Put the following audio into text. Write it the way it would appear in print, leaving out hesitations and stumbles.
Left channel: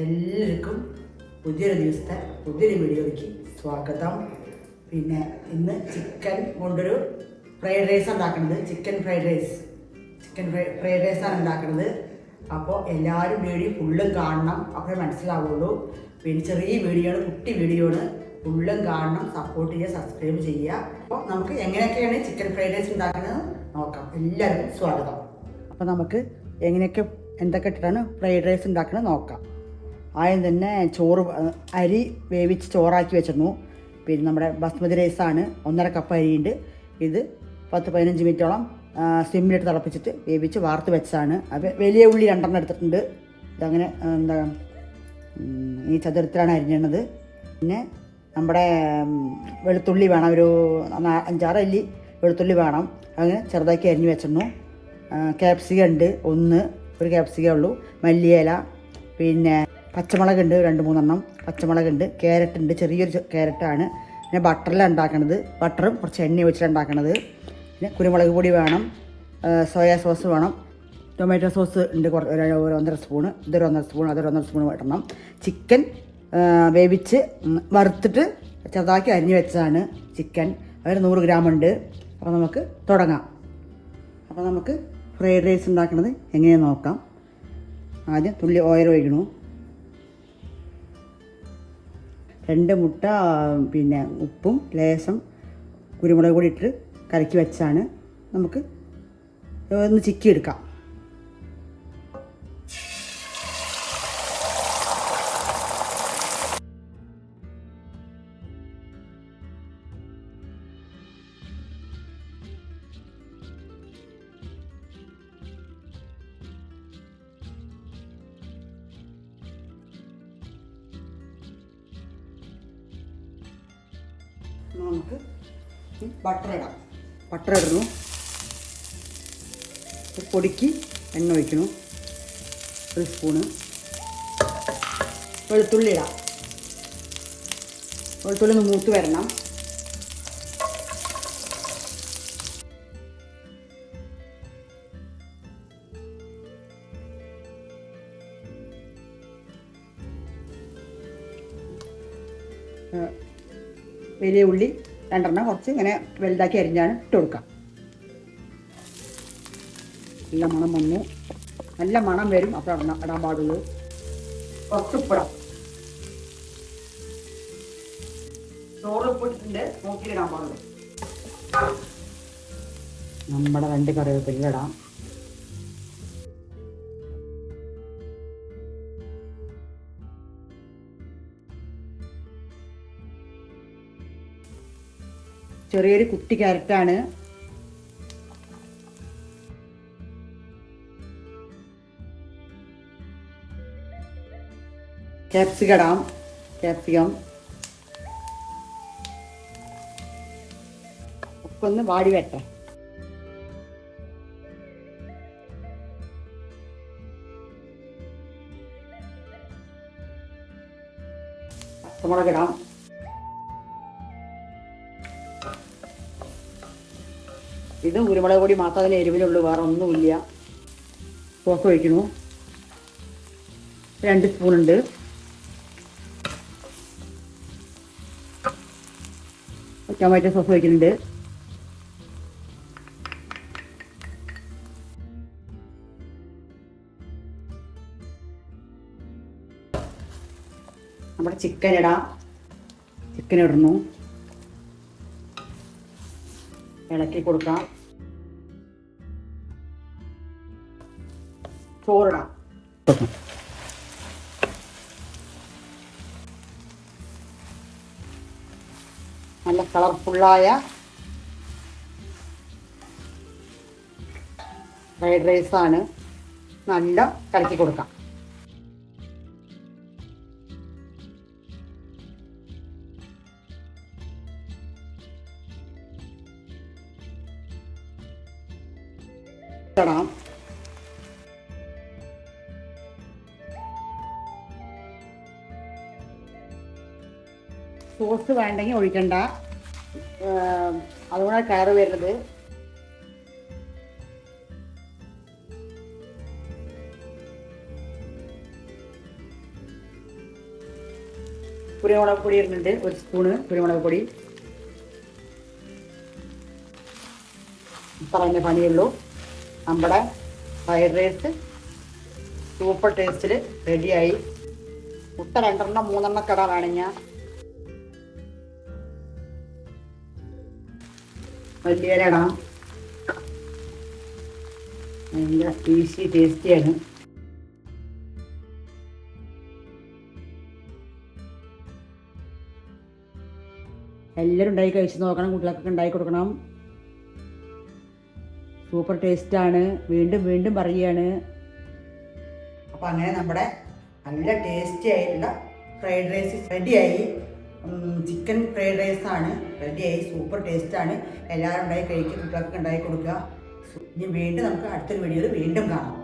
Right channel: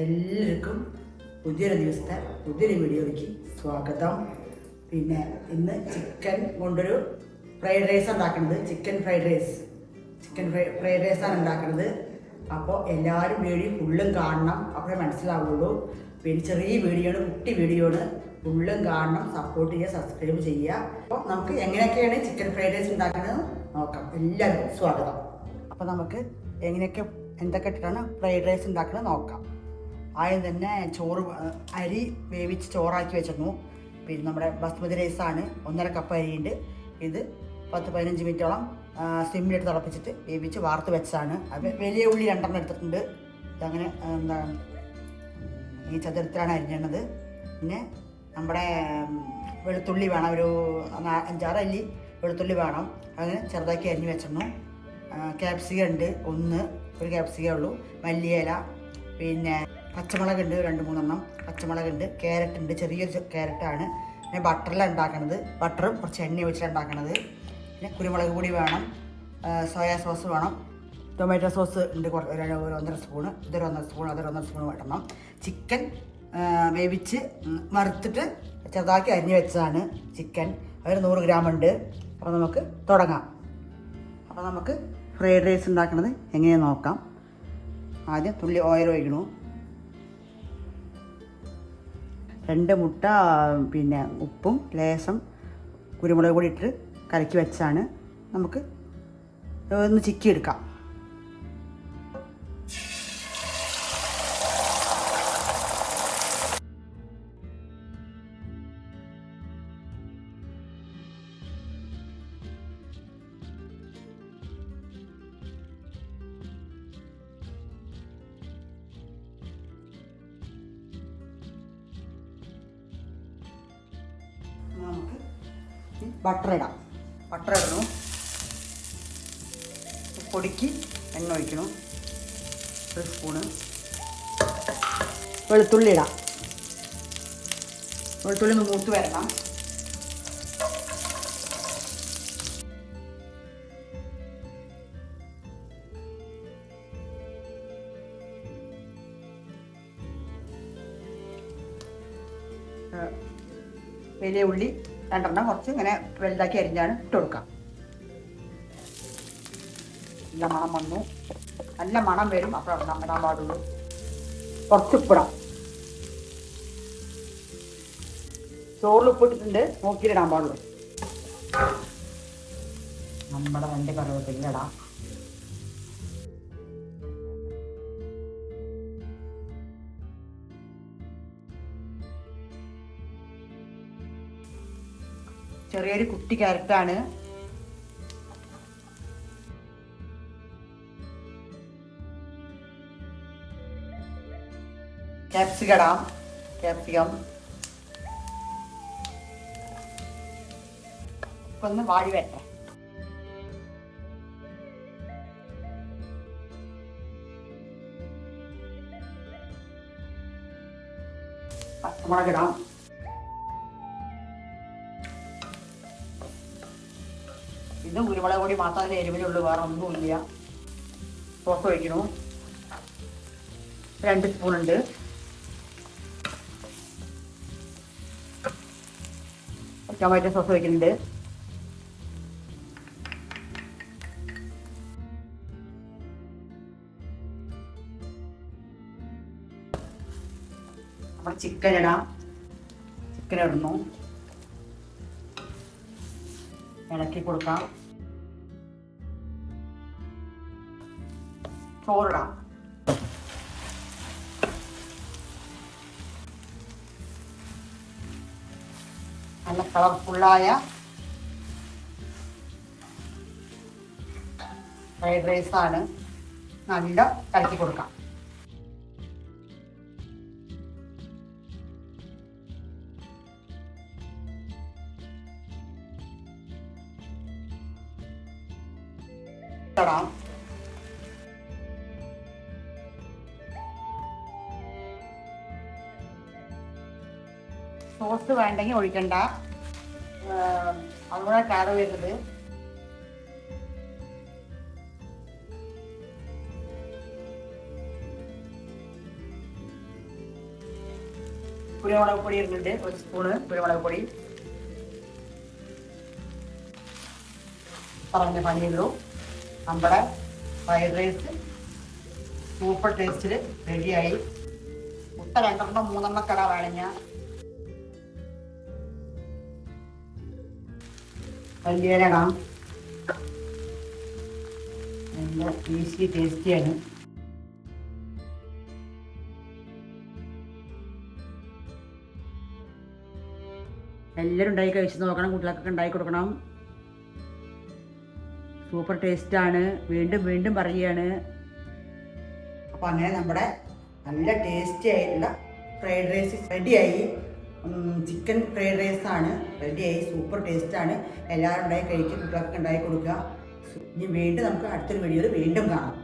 എല്ലാവർക്കും പുതിയൊരു ദിവസത്തെ പുതിയൊരു വീഡിയോയ്ക്ക് സ്വാഗതം. പിന്നെ ഇന്ന് ചിക്കൻ കൊണ്ടൊരു ഫ്രൈഡ് റൈസ് ഉണ്ടാക്കുന്നത്. ചിക്കൻ ഫ്രൈഡ് റൈസാണ് ഉണ്ടാക്കുന്നത്. അപ്പോൾ എല്ലാവരും വീഡിയോ ഫുള്ളും കാണണം, അപ്പോഴേ മനസ്സിലാവുള്ളൂ. പിന്നെ ചെറിയ വീഡിയോ ആണ്, കുട്ടി വീഡിയോ ആണ്. ഫുള്ളും കാണണം, സപ്പോർട്ട് ചെയ്യുക, സബ്സ്ക്രൈബ് ചെയ്യുക. അപ്പോൾ നമുക്ക് എങ്ങനെയൊക്കെയാണ് ചിക്കൻ ഫ്രൈഡ് റൈസ് ഉണ്ടാക്കുന്നത് നോക്കാം. എല്ലാവർക്കും സ്വാഗതം. അപ്പോൾ നമുക്ക് എന്തൊക്കെ ഇട്ടിട്ടാണ് ഫ്രൈഡ് റൈസ് ഉണ്ടാക്കുന്നത് നോക്കാം. ആദ്യം തന്നെ അരി വേവിച്ച് ചോറാക്കി വെച്ചിരുന്നു. പിന്നെ നമ്മുടെ ബസ്മതി റൈസാണ്, 1.5 കപ്പ് അരിയുണ്ട്. ഇത് 10-15 മിനിറ്റോളം സിമ്മിലിട്ട് തിളപ്പിച്ചിട്ട് വേവിച്ച് വാർത്ത് വെച്ചതാണ്. അപ്പോൾ വലിയ ഉള്ളി 2 എടുത്തിട്ടുണ്ട്. ഇതങ്ങനെ ഈ ചതുരത്തിലാണ് അരിഞ്ഞത്. പിന്നെ നമ്മുടെ വെളുത്തുള്ളി വേണം, ഒരു 5-6 അല്ലി വെളുത്തുള്ളി വേണം. അങ്ങനെ ചെറുതാക്കി അരിഞ്ഞ് വെച്ചിരുന്നു. ക്യാപ്സിക്കം ഉണ്ട്, ഒരു ക്യാപ്സിക്കേ ഉള്ളൂ. മല്ലിയില, പിന്നെ പച്ചമുളകുണ്ട് 2-3 പച്ചമുളകുണ്ട്. ക്യാരറ്റ് ഉണ്ട്, ചെറിയൊരു ക്യാരറ്റാണ്. പിന്നെ ബട്ടറിലാണ് ഉണ്ടാക്കണത്. ബട്ടറും കുറച്ച് എണ്ണ വെച്ചിട്ട് ഉണ്ടാക്കണത്. പിന്നെ കുരുമുളക് പൊടി വേണം, സോയാ സോസ് വേണം, ടൊമാറ്റോ സോസ് ഉണ്ട് ഒരു 1.5 സ്പൂണ്. ഇതൊരു 1.5 സ്പൂൺ, അതൊരു 1.5 സ്പൂൺ ഇടണം. ചിക്കൻ വേവിച്ച് വറുത്തിട്ട് ചെറുതാക്കി അരിഞ്ഞ് വെച്ചതാണ് ചിക്കൻ. അതിൽ 100 ഗ്രാം ഉണ്ട്. അപ്പോൾ നമുക്ക് തുടങ്ങാം. അപ്പോൾ നമുക്ക് ഫ്രൈഡ് റൈസ് ഉണ്ടാക്കുന്നത് എങ്ങനെയാണെന്ന് നോക്കാം. ആദ്യം തുള്ളി ഓയിൽ ഒഴിക്കണു. 2 മുട്ട, പിന്നെ ഉപ്പും ലേശം കുരുമുളക് പൊടി ഇട്ട് കലക്കി വെച്ചാണ്. നമുക്ക് ഒന്ന് ചിക്കി എടുക്കാം. നമുക്ക് ബട്ടർ ഇടാം. ബട്ടർ ഇടണു. പൊടിക്ക് എണ്ണ ഒഴിക്കണു, 1 സ്പൂണ്. വെളുത്തുള്ളി ഇടാം. വെളുത്തുള്ളി ഒന്ന് മൂത്ത് വരണം. വലിയ ഉള്ളി 2 കുറച്ച് ഇങ്ങനെ വലുതാക്കി അരിഞ്ഞാണ് ഇട്ട് കൊടുക്കാം. നല്ല മണം വന്നു, നല്ല മണം വരും. അപ്പോൾ ഇടാൻ പാടുള്ളൂ. കുറച്ച് ഉപ്പിടാം. ചോറിൽ ഉപ്പിട്ടിട്ടുണ്ട്, നോക്കിയിടാൻ പാടുള്ളൂ. നമ്മുടെ 2 കറിവേപ്പില ഇടാം. ചെറിയൊരു കുട്ടി ക്യാരറ്റാണ്. ക്യാപ്സിക്കം ഇടാം. ക്യാപ്സിക്കം ഉപ്പൊന്ന് വാടി വരട്ടെ. പച്ചമുളക് ഇടാം. ഇത് കുരുമുളക് പൊടി മാത്രം, അതിൽ എരിവിലുള്ളൂ, വേറെ ഒന്നുമില്ല. സോസ് ഒഴിക്കണു. 2 സ്പൂണുണ്ട്. ടൊമാറ്റോ സോസ് ഒഴിക്കുന്നുണ്ട്. നമ്മുടെ ചിക്കൻ ഇടാം. ചിക്കൻ ഇടുന്നു, ഇളക്കി കൊടുക്കാം. ചോറിടാം. നല്ല കളർഫുള്ളായ ഫ്രൈഡ് റൈസാണ്. നല്ല കലക്കി കൊടുക്കാം. സോസ് വേണ്ടെങ്കിൽ ഒഴിക്കണ്ട, അതുകൂടെ കയറി വരുന്നത്. കുരുമുളക് പൊടി ഇടുന്നുണ്ട്, 1 സ്പൂണ് കുരുമുളക് പൊടി. പറഞ്ഞ പണിയുള്ളൂ. നമ്മുടെ ഫ്രൈഡ് റൈസ് സൂപ്പർ ടേസ്റ്റിൽ റെഡിയായി. മുട്ട 2 3 കട വേണമെങ്കിൽ വലിയ ഇടാം. നല്ല ഈസി ടേസ്റ്റിയാണ്. എല്ലാവരും ഉണ്ടാക്കി കഴിച്ച് നോക്കണം, കുട്ടികൾക്കൊക്കെ ഉണ്ടാക്കി കൊടുക്കണം. സൂപ്പർ ടേസ്റ്റാണ്, വീണ്ടും വീണ്ടും പറയുകയാണ്. അപ്പോൾ അങ്ങനെ നമ്മുടെ നല്ല ടേസ്റ്റി ആയിട്ടുള്ള ഫ്രൈഡ് റൈസ് റെഡിയായി. ചിക്കൻ ഫ്രൈഡ് റൈസാണ് റെഡിയായി. സൂപ്പർ ടേസ്റ്റാണ്. എല്ലാവരും ഉണ്ടാക്കി കഴിക്കും, കുട്ടികൾക്ക് ഉണ്ടാക്കി കൊടുക്കുക. ഇനി വീണ്ടും നമുക്ക് അടുത്തൊരു വീഡിയോയിൽ വീണ്ടും കാണാം.